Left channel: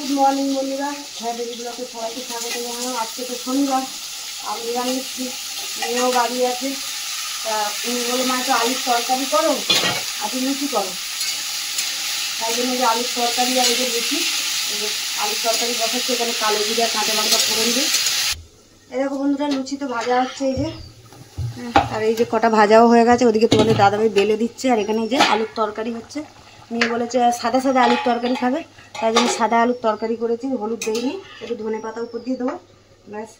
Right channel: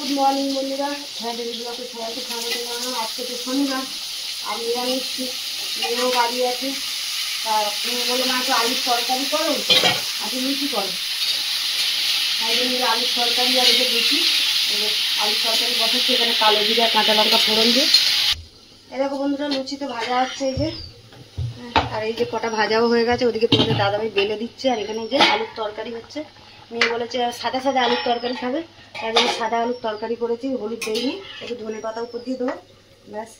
Good morning বন্ধুরা, daily ব্লগে সবাইকে স্বাগত জানানো। আজকে তো শনিবার আর নিরামিষ, মেয়েও বাড়ি আছে। তা তুমি বলে মা তো আলুর তরকারি করো আর লুচি করো, তাই জন্য যে আলুর তরকারি আর এই যে লুচি, আলুর তরকারি বসাচ্ছে এখানে কালো জিরা কাঁচা লঙ্কা ফোড়ন দিয়ে। এরকম বন্ধুরা লুচি তো ভাজা হচ্ছে এই যে, আর এই যে কটা ভাজাও হয়ে গেছে। ওদিকে তোমাদের দাদাভাই বেলে দিচ্ছে আর এখানে এই যে আলুর তরকারি হচ্ছে। মেয়ে বলেছে সাদা সাদা আলুর তরকারি খাবে, তাই জন্য সাদা আলুর তরকারি করেছি। হলুদ দেয়নি, একটু ধনে পাতা উপর দিয়ে দেবো, ব্যাস।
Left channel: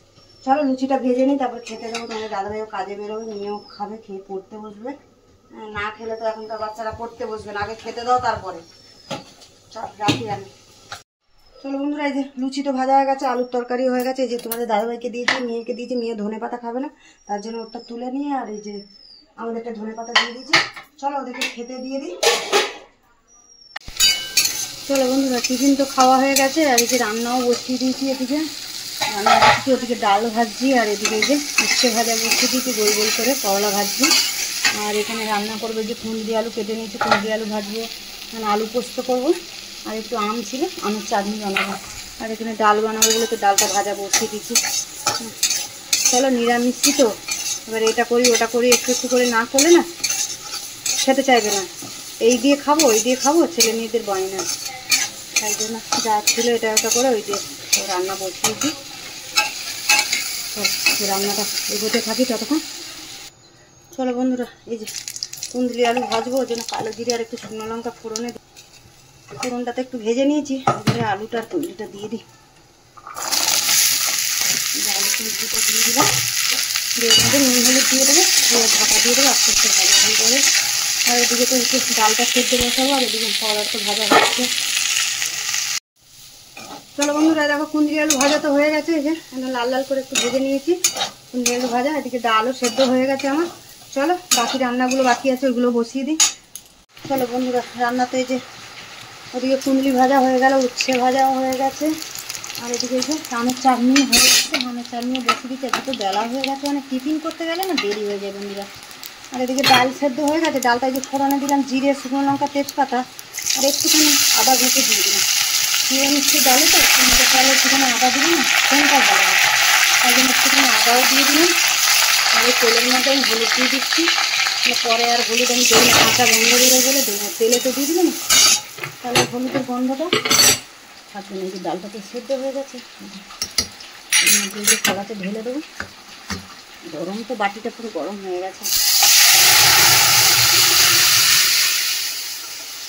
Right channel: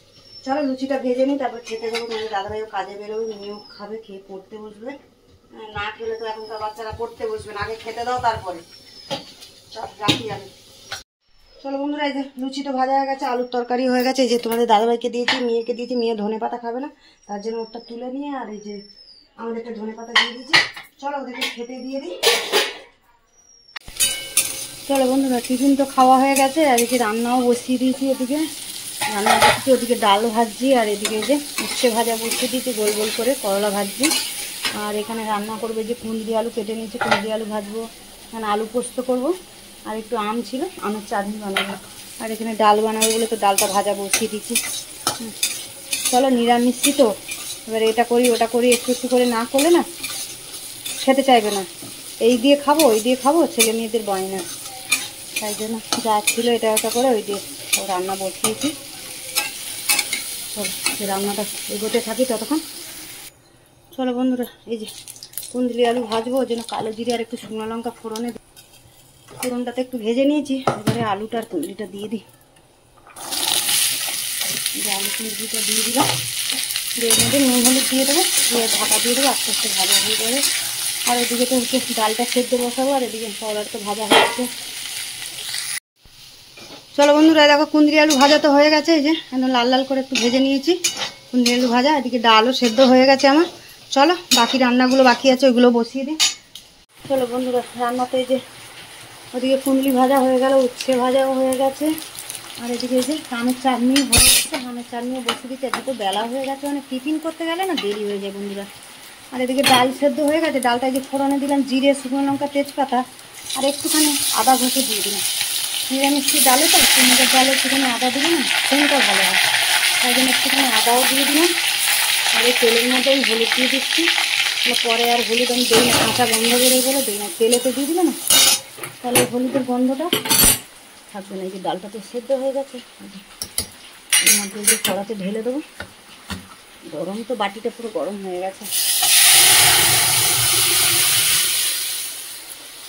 চলো লুচিটা ভেজে নিই, তারপর খেতে দেবো। তোমাদের দাদাভাইও কাজে বেরোবে, মেয়েও খাবে, খেয়ে পড়তে বসবে। না খেলে তো এখনকার বাচ্চারা পড়তে বসবে না, আগে খেতে দাও তারপরে। চল রাখি আমি। চলো বন্ধুরা, এই যে লুচি তো ভাজা হয়ে গেছে, আলুর তরকারি হয়ে গেছে। এই যে তোমাদের দাদাভাইকে দিয়েছি, মেয়েকে দিয়েছি। মেয়ে ধনে পাতা খাবে না, তার জন্য ওটা তুলে নিয়ে আর এই যে আমাদেরকে ধনে পাতা দিয়ে দিয়েছি। চলো ওদেরকে খেতে দিয়ে দিই। চলো বন্ধুরা, টিফিন তো খাওয়া হয়ে গেছে আর এদিকে রান্নাও বসিয়ে দিয়েছি। এদিকে রান্না বসিয়েছি, ওদিকে ডাল ভাজছি আর এদিকে যে উচ্ছে ভাজা বসিয়ে দিয়েছি গোল গোল করে, করলা ভাজছি। আর এখানে রান্না করবো যে কুঁদরি আলু কেটে নিয়েছি, কুঁদরি আলু ভাজবো। এখানে আলু পোস্ত করবো আর একটু আম ছিল, আমের চাটনি বানাবো। আর এখানে ডাল বানাবো বলে তো ডালটা ভাজা বসিয়ে দিচ্ছি। চলো নিরামিষই তো, এবার এটা করি ওটা করি, একটু একটু করে না করলে না খেতে চাইবে না। এই দিয়ে খাবো ওই দিয়ে খাবো, ছেলে মেয়েদের বায়না, তাই জন্য যা ছিল এটা ওটা করে ওই দিয়ে রান্না বসিয়েছি। রান্নাটা এগোতে থাকি ততক্ষণ। চলো বন্ধুরা, এই যে কুঁদরি আলু ভাজবো, ওই জন্য কালো জিরে আর একটু শুকনো লঙ্কা ফোড়নটাতে একটু ভেজে নিয়েছি। এবারে আলুটা আর কুঁদরিটা দিয়ে দিই। আলু কুঁদরিটা দিয়ে দিলাম, দিয়ে মধ্যে নুন হলুদ দিয়ে দেবো, দিয়ে ঢাকা দিয়ে দেবো, আস্তে আস্তে ভাজা হয়ে যাবে। আর এদিকে তো একটু ডালটা সেদ্ধ বসাবো আর এদিকে করলাটা তো ভাজা হচ্ছে। চলো বন্ধুরা, দেখো কুঁদরি আলু ভাজা তো হয়ে গেছে। এই যে লাল লাল করে একটু ভেজে নিয়েছি কুঁদরি আলু ভাজা। এদিকে ডালও সেদ্ধ হয়ে গেছে আমার। চলো বাকি রান্নাগুলো বাকি আছে, ওইগুলো বসিয়ে দিই। চলো বন্ধুরা, রান্নাতে এই যে ওদিকে কুঁদরি ভাজা হয়ে গেল, উচ্ছে ভাজাও হয়ে গেছে। আর এদিকে এই যে আমের চাটনি হয়ে গেছে, আমের চাটনিও বসিয়ে দিচ্ছে। এদিকে তো বেলা হয়ে গেছে, মানে টিফিন করতে গেলে না দেরি হয়ে যায় বন্ধুরা। আর এদিকে ডাল সেদ্ধ হয়ে গেছে, ডালটা যে ফোড়নে দিলাম জিরে শুকনো লঙ্কা তেজপাতা আর একটুখানি আদা ঘষে দিয়ে দিলাম। নিরামিষি ডালে তো কুমড়োর ডালে একটুখানি আদা দিলে না সেটা ভালো হয়, তাই জন্য একটুখানি আদাও দিয়ে দিলাম। আর এই তেলের মধ্যে আমি হলুদ দিয়ে দিচ্ছি, পরে আর হলুদ আমি দিই না, কাঁচা গন্ধ বেরোয় বলে দিই না। তেলে তো দিয়ে দিলে না, তাহলে হলুদের গন্ধটা থাকবে না। এই যে ডালটা তো সেদ্ধ হয়ে গেছে, এর মধ্যে যে কড়াতে ঢেলে দেবো। গরম তো, বাটিটা পুরো গরম হয়ে গেছে।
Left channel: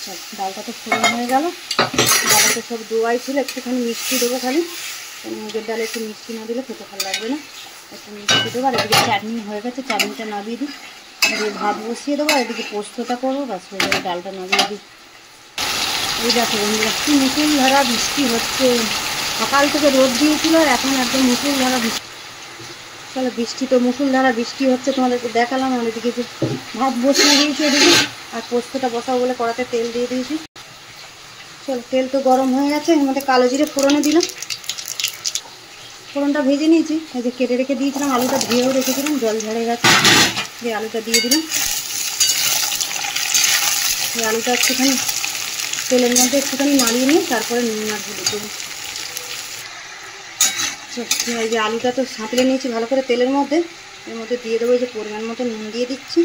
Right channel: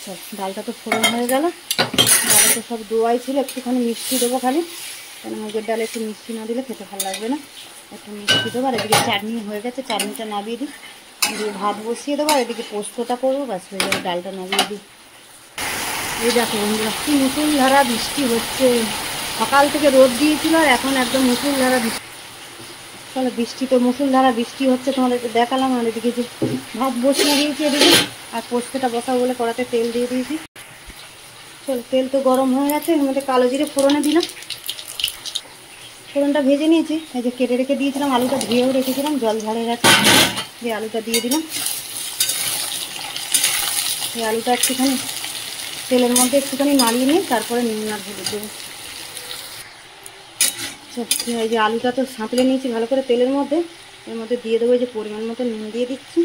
চল, ডালটা তো ফোড়ন হয়ে গেল। ডালটা সব দোয়াই ছিল, একটুখানি মিষ্টি দেবো খালি, কারণ মুগের ডালে একটু মিষ্টি না দিলে খেতে ভালো লাগবে না। একটু মিষ্টি দেবো। আর এদিকে চাটনি হয়ে গেছে, চাটনিটা নামিয়ে দিই। এদিকে ভাত বসিয়ে দেবো, আর এদিকে পোস্তটা করবো, ব্যাস হয়ে যাবে। ডালটা নামিয়ে দিই। এই দেখো বন্ধুরা, কি মুষলধারা বৃষ্টি হচ্ছে। সকাল থেকে রোদ দিয়েছিল আর এখন একদম মুষলধারা বৃষ্টি। চলো, বৃষ্টি তো মুষলধারা বৃষ্টি হচ্ছে, তোমাদেরকে দেখালাম। আর এদিকে যে ভাত বসিয়ে দিয়েছি এদিকে, আর পোস্তটা বসাবো বলে কড়াতে তেল দিয়ে দিয়েছি। চলো, তেল তো গরম হয়ে গেছে, এর মধ্যে কালো জিরে ফোড়নে দিলাম। ফোড়নটা ভেজে নিয়েছি। এই যে কেটে রেখে দিয়েছিলাম, আলুটা ধুয়েও রেখেছিলাম, জল ঝরে গেছে। দিয়ে আলুটা দিয়ে দিলাম। এই আলুটা একটুখানি তেলের মধ্যে একটুখানি নাড়িয়ে নিয়ে তারপরে নুন আর হলুদ দেবো। এই যে আলুটা তো সাঁতলে নিয়েছি ভালো করে তেলের মধ্যে, এর মধ্যে দিয়ে দেবো। এই যে পরিমাণ মতো নুন দিয়ে দিচ্ছি,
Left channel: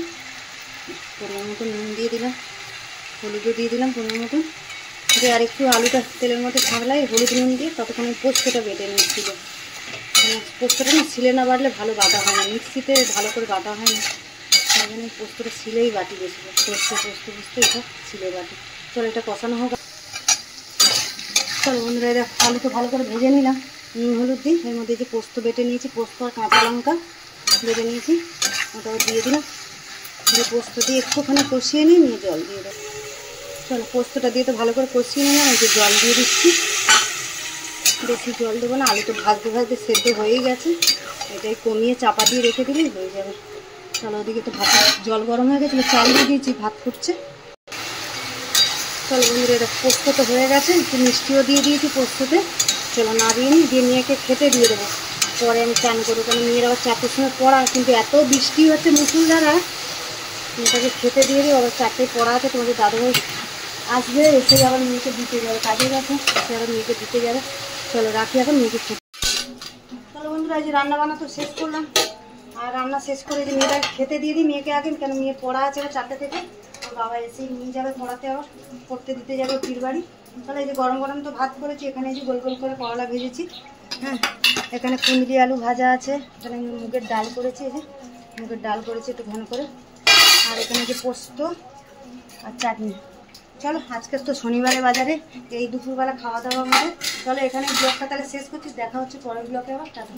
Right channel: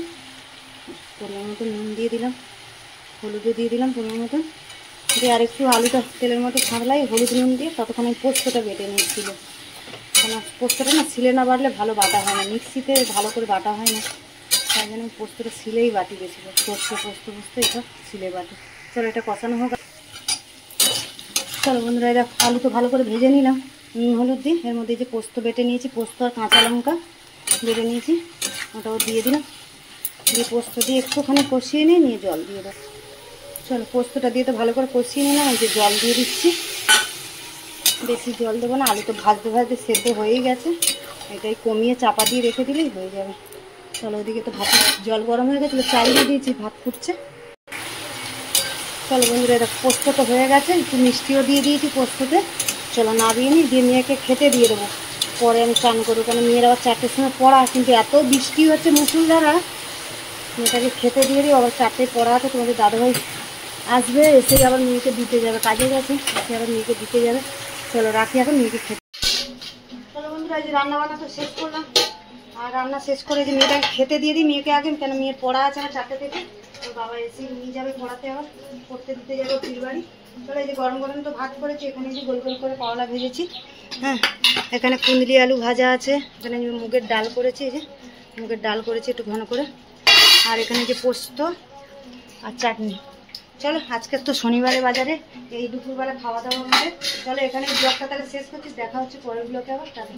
পরিমাণ মতো নুন দিয়ে দিলাম, হলুদও দিয়ে দিলাম পরিমাণ মতো। দিয়ে আর একটু আলুটা তেলের মধ্যে ছাড়লাই হলুদ নুন দিয়ে, ততক্ষণ আমি পোস্তটা বেটে নিচ্ছিল। কেন পোস্তটা না শিলে না বাটলে ভালো বাটা হয় না, মিক্সিতে ভালো করে বাটা হয় না, তাই জন্য পোস্তটা শিলেই বাটি বেশি। পোস্ত এসব শিলে বাটি। চলো এটা কষানো হোক। চলো বন্ধুরা, এটা আলু তো ভালো করে ভেজে নিলাম নুন হলুদ দিয়ে। এর মধ্যে যে পোস্ত বেটে নিয়েছি, পোস্ত আর কাঁচা লঙ্কা বেটে নিয়েছি, ওটাও দিয়ে দিলাম। দিয়ে পোস্ত দিয়ে একটুখানি কষিয়ে নিয়ে জল দিয়ে দেবো। চলো, পোস্তটা দিয়ে তো ভালো করে কষিয়ে নিলাম। এই যে জল দিয়ে দিচ্ছি, বেশি জল দেবো না, আলু তো ভাজতে ভাজতে সেদ্ধ হয়েই গেছে। এটাই কমিয়ে চাপা দিয়ে রেখে দিলেই হয়ে যাবে। চলো, ওদিকে তো ভাত জল গরম হয়ে গেছিলো, চাল দিয়ে দিয়েছি, ভাত ফুটছে। চলো বন্ধুরা, এটা পোস্ত তো হয়ে গেছে, একটু মিষ্টিও দিয়ে দিয়েছি পোস্ততে। চলো নাড়িয়ে নিই, দিয়ে মেয়েকে খেতে দিয়ে দেবো, পরে আমি চান করবো। কারণ মেয়ের আবার 4টের সময় পড়া, কিন্তু এত বৃষ্টি হচ্ছে মুষলধারা, মেয়েটাকে খেতে দিয়ে দিই। আবার 4টায় পড়া আছে। তোমাদের দাদাভাই আসবে, এসে আবার মেয়েকে দিতে যাবে, কাজে গেছে, এসে আবার মেয়েকে দিতে যাবে। চলো রাখি এখন, মেয়েকে খেতে। চলো বন্ধুরা, এই যে রান্না বান্না তো শেষ করলাম, আর রান্না শেষ করে যে মেয়েটাকে খেতে দিয়ে দিই মেয়েকে আগে, কেন মেয়ের পড়া আছে আবার 4টে থেকে। ওর বাবা এসে নিয়ে যাবে পড়াতে, আবার পড়তে দিতে যাবে পীর বাড়ি। তাহলে এই যে গরম গরম তো ভাত করেছি, এখানে এই যে গোল গোল করে করলা ভেজেছি, হ্যাঁ, এখানে কুঁদলি আলু ভাজা আছে, এখানে মুগের ডাল করেছি, এই যে মুগের ডাল করেছি একটু ঘন করে, আর এখানে যে পোস্ত আর চাটনি। চলো আজকে তো শনিবারে বাজারে এই দুপুরবেলা খাওয়া দাওয়া আমাদের। চলো এখানে ব্লগটা তাহলে শেষ করছি, দেখা হচ্ছে পরের ব্লগে আবার, টাটা।